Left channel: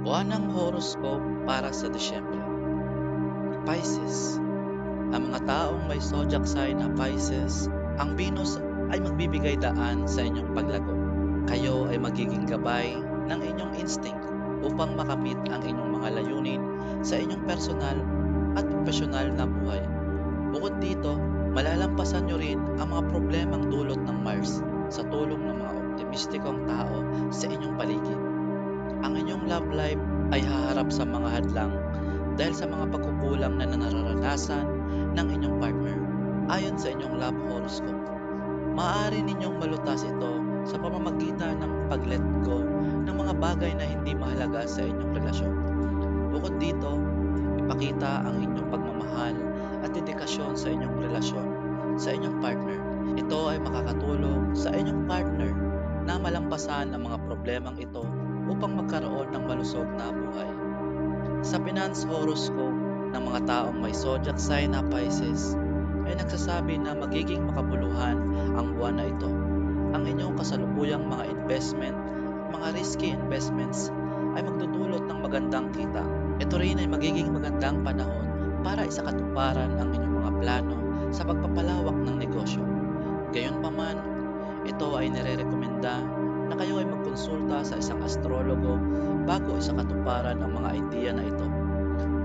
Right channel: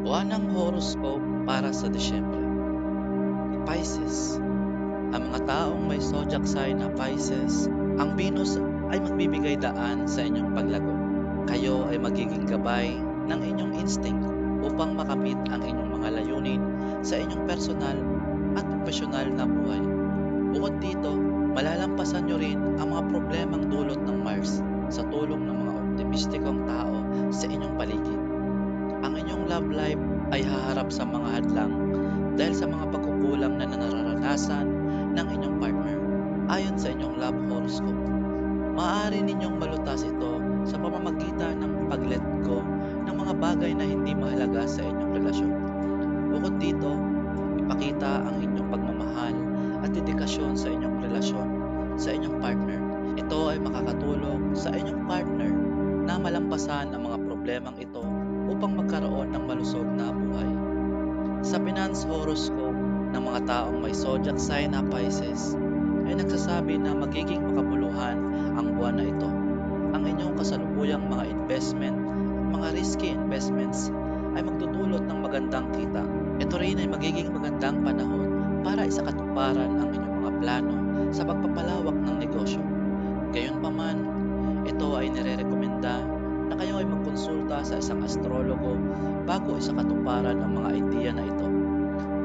Buwanang horoscope para sa Disyembre. Pisces. Ang mga taong may zodiac sign na Pisces, ang Venus ay magbibigay daan sa inyong paglago. Kayo ay magiging gabay ng inyong instinct upang makamit ang inyong mga layunin sa inyong personal at profesional na buhay. Bukod dito, malalampasan nyo rin ang mga problemang dulot ng Mars sa tulong ng mga optimistikong tao sa inyong paligid. Ang inyong love life ay haharap sa mga hadlang dahil sa mga pagkukulang na nararanasan ng inyong partner. Ayon sa inyong love horoscope, maaari ninyong malutas ito sa pamamagitan ng pag-let go ng mga bagay na hindi mahalaga sa inyong relasyon. Bukod dito, ipakita ang inyong pagmamahal at dedikasyon sa inyong relasyon sa inyong partner. Ito ay makakatulong sa inyong partner na malampasan ang mga problemang ito upang magkaroon ng malusog na buhay. Sa finance horoscope ng mga taong may zodiac sign na Pisces, ay nagsasabi na magiging makabuluhan ang buwan na ito. Ang inyong kasalukuyang mga investment at mga risky investments ay magdudulot ng magandang kita. Ito rin ay magiging magandang panahon para isakatuparan ang inyong mga plano sa pagpapalawak ng negosyo. Gayunpaman, ito ay nirerekomenda na kayo ay magkonsulta sa isang astrologo bago isakatuparan ang mga ideya na ito.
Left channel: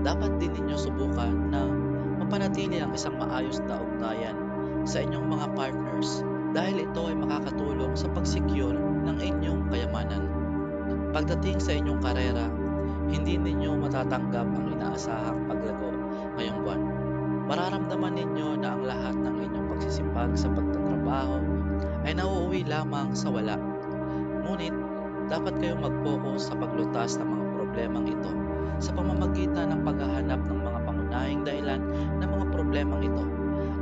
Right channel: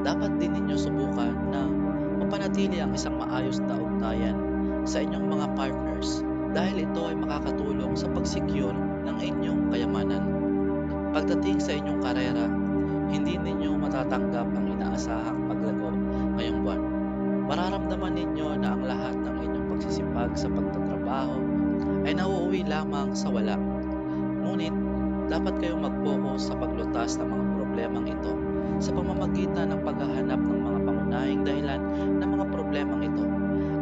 Dapat din ninyo subukan na mapanatili ang isang maayos na ugnayan sa inyong mga partners dahil ito ay makakatulong sa pag-secure ng inyong kayamanan. Pagdating sa inyong karera, hindi ninyo matatanggap ang inaasahang paglago ngayong buwan. Mararamdaman ninyo na ang lahat ng inyong pagsisipag sa pagtatrabaho ay nauuwi lamang sa wala. Ngunit, dapat kayong mag-focus sa paglutas ng mga problemang ito sa pamamagitan ng paghahanap ng mga pangunahing dahilan ng mga problemang ito.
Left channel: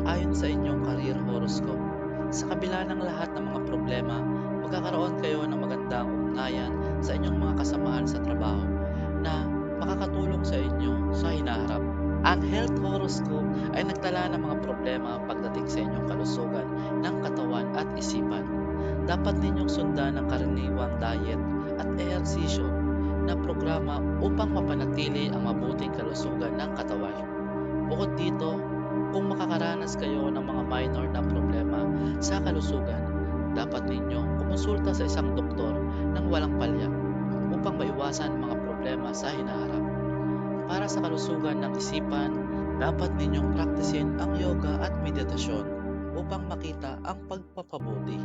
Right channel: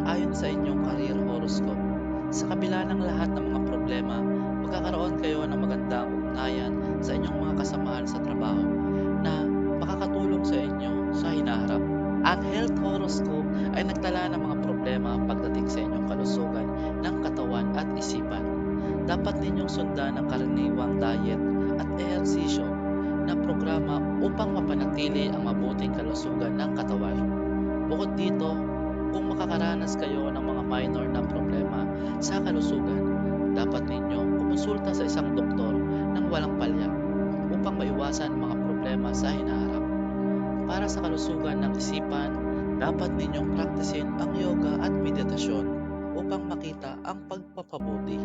Ayon sa inyong career horoscope, sa kabila ng lahat ng mga problema, magkakaroon kayo ng magandang ugnayan sa inyong mga kasamahan sa trabaho na makakatulong sa inyo sa hinaharap. Ang health horoscope ay nagtala ng mga problema pagdating sa inyong kalusugan ng katawan at isipan. Dapat ninyong sundan ang karaniwang diet at ehersisyo na programa upang mapanatili ang mabuting kalusugan ng katawan. Bukod dito, kung makakaranas kayo ng mga minor na problema sa kalusugan, dapat ninyong kumonsulta sa isang doktor ng walang palya upang maiwasan ang mga problema sa hinaharap. Para sa kalusugan ng isipan, dapat ninyong praktisin ang yoga at meditasyon upang makita ang pagpapabuti.